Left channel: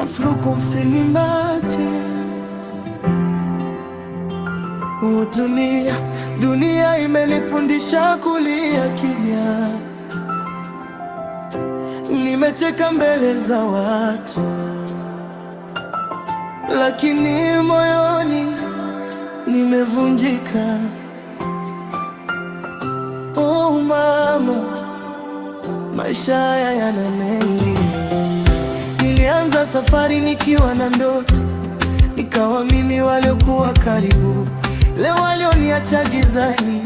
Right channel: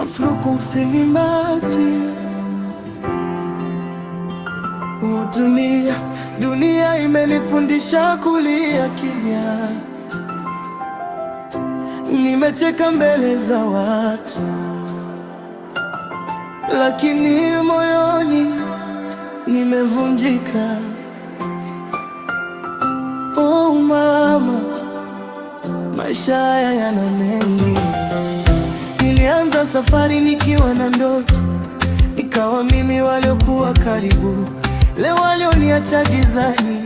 Afro Confinimati. Dunia imenifundisha kulia kimya. Nimecheka mbele za watu, lakini moyoni nimevunjika. Oh mama, maisha haya yana mengi. Nilianza safari nikiwa na ndoto, nikawa mimi waliokuwa karibu, leo walioniacha gizani,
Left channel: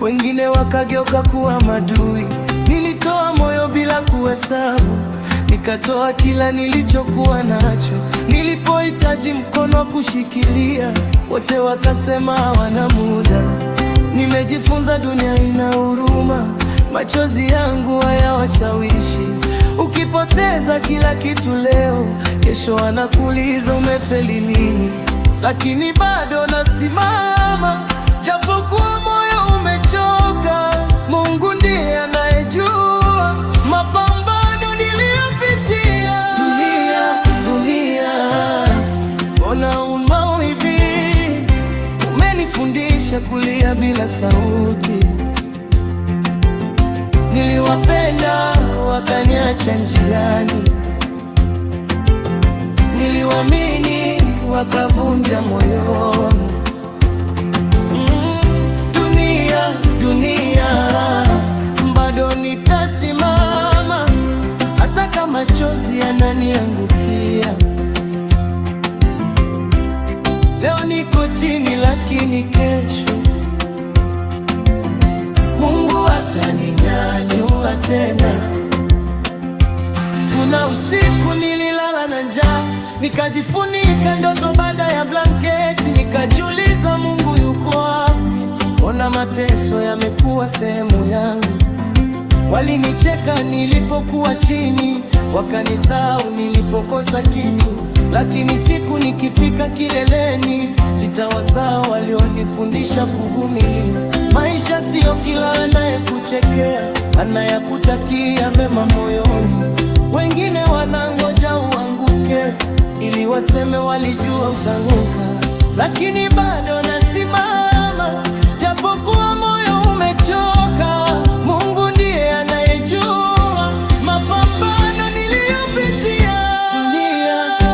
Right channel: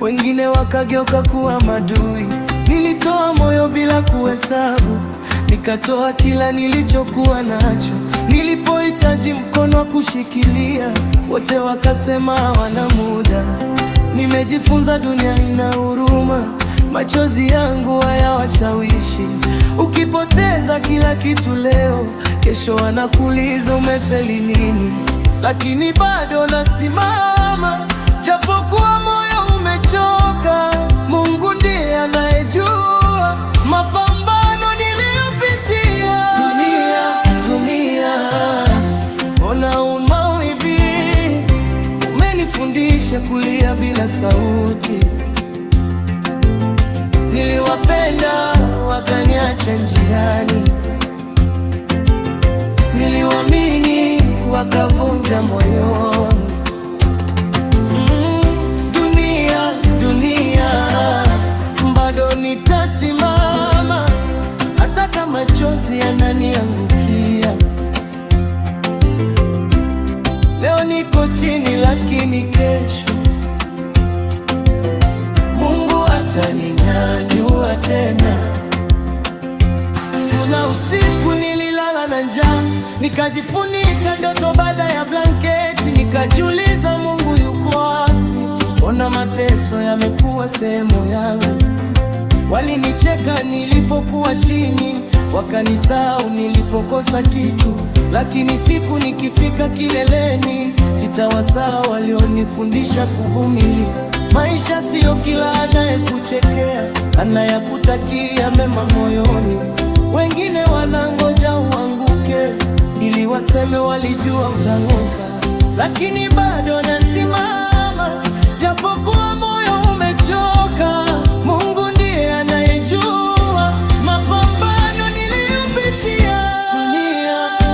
wengine wakageuka kuwa madui. Nilitoa moyo bila kuhesabu, nikatoa kila nilichokuwa nacho. Nilipohitaji mkono wa kushikilia, wote wakasema hawana muda. Nimejifunza dunia ina huruma, machozi yangu hayawashawishi. Ukipoteza kila kitu leo, kesho wanakuuliza umefeli nini. Lakini bado nasimama, japokuwa moyo umechoka. Mungu ndiye anayejua mapambano niliyopitia. Dunia, mbona una hivi? Umenifundisha kulia bila sauti. Niliwapenda wakaniacha njiani, niliwaamini wakavunja moyo wangu. Dunia, bado nitasimama hata kama machozi yananiangukia. Leo niko chini, lakini kesho Mungu ataninyanyua tena. Kuna usiku nililala na njaa, nikajifunika ndoto baada ya blanketi, nikajiuliza Mungu yuko wapi? Ona mateso yamekuwa sehemu yangu. Walinicheka nilipokuwa chini, wakanisahau nilipokosa kitu. Lakini siku nikifika kileleni, sitawasahau walionifundisha kuvumilia. Maisha sio kila anayekuchekea anayakutakia mema moyoni. Wengine wanangoja uanguke ili waseme walijua utanguka. Lakini bado nasimama, japokuwa moyo umechoka. Mungu ndiye anayejua mapambano niliyopitia.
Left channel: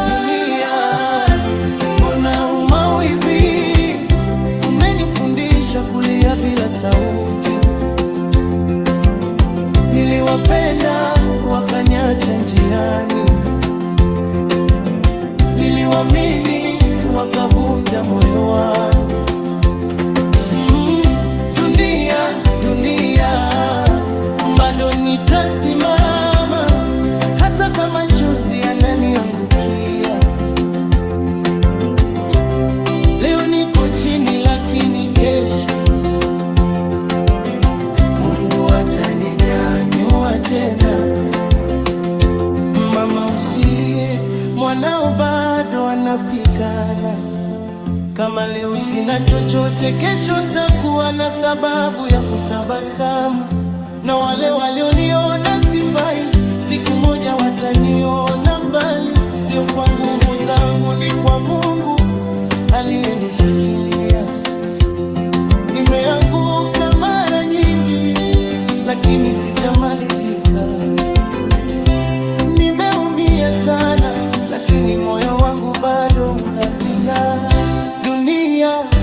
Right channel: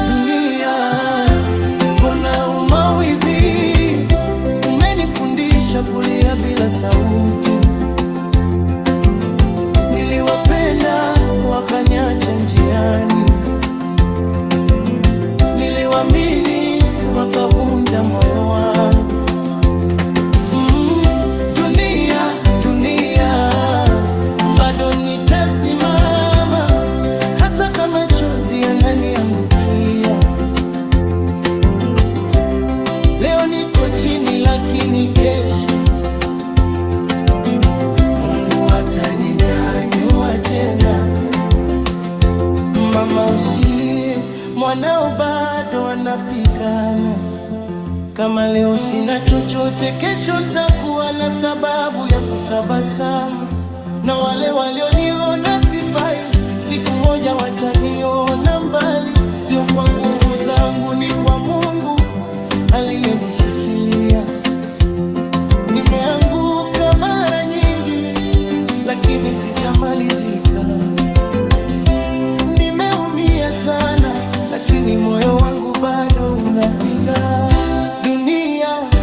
Dunia, mbona uma hivi? Umenifundisha kulia bila sauti. Niliwapenda wakaniacha njiani, niliwaamini wakavunja moyo wangu. Dunia, bado nitasimama hata kama machozi yananiangukia. Leo niko chini, lakini kesho Mungu ataninyanyua tena. Mama usilie, mwanao bado anapigana. Kama leo sina chochote, kesho nitakuwa na sababu ya kutabasamu. Na wale walioniona sifai, siku moja wataniona mbali. Sio kwa nguvu zangu, ni kwa Mungu aliyenishikilia. Nimeanguka mara nyingi, lakini sijamalizika. Nimeumia sana, lakini moyo wangu bado unapiga.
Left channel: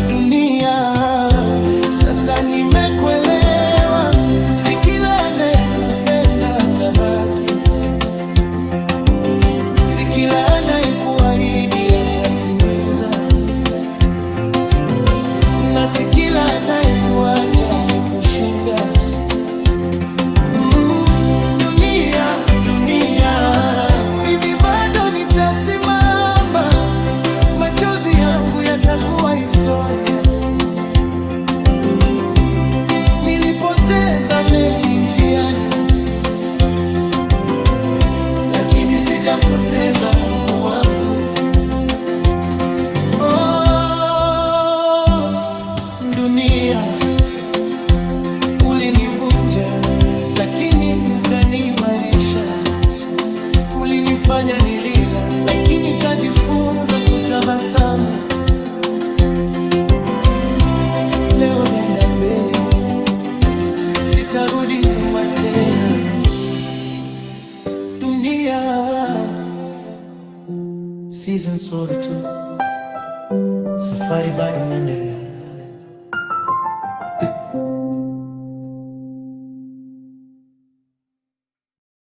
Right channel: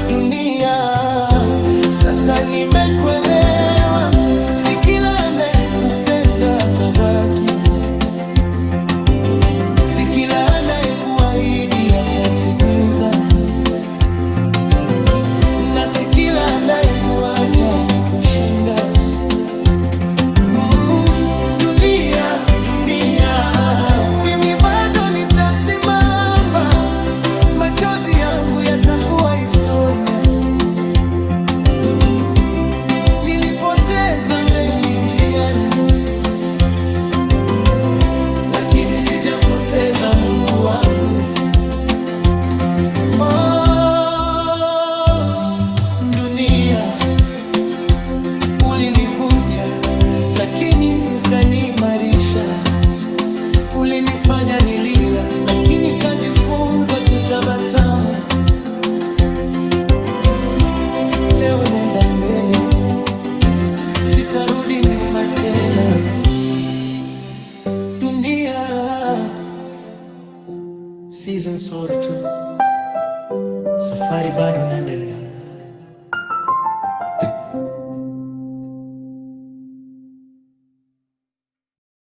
Dunia, sasa nimekuelewa. Si kila anayekupenda atabaki, si kila anayekuahidi atatimiza, na si kila anayekuacha amekushinda. Dunia, mimi bado nitasimama. Machozi yangu yatakuwa historia. Nilipoteza mengi njiani, lakini sijampoteza Mungu wangu. Dunia, ulinivunja lakini ukaniimarisha. ulinifanya nilia, lakini kajifunza kutabasamu. Leo nenda mbele, sitarudi nyuma tena. Dunia Season 2, safari bado inaendelea.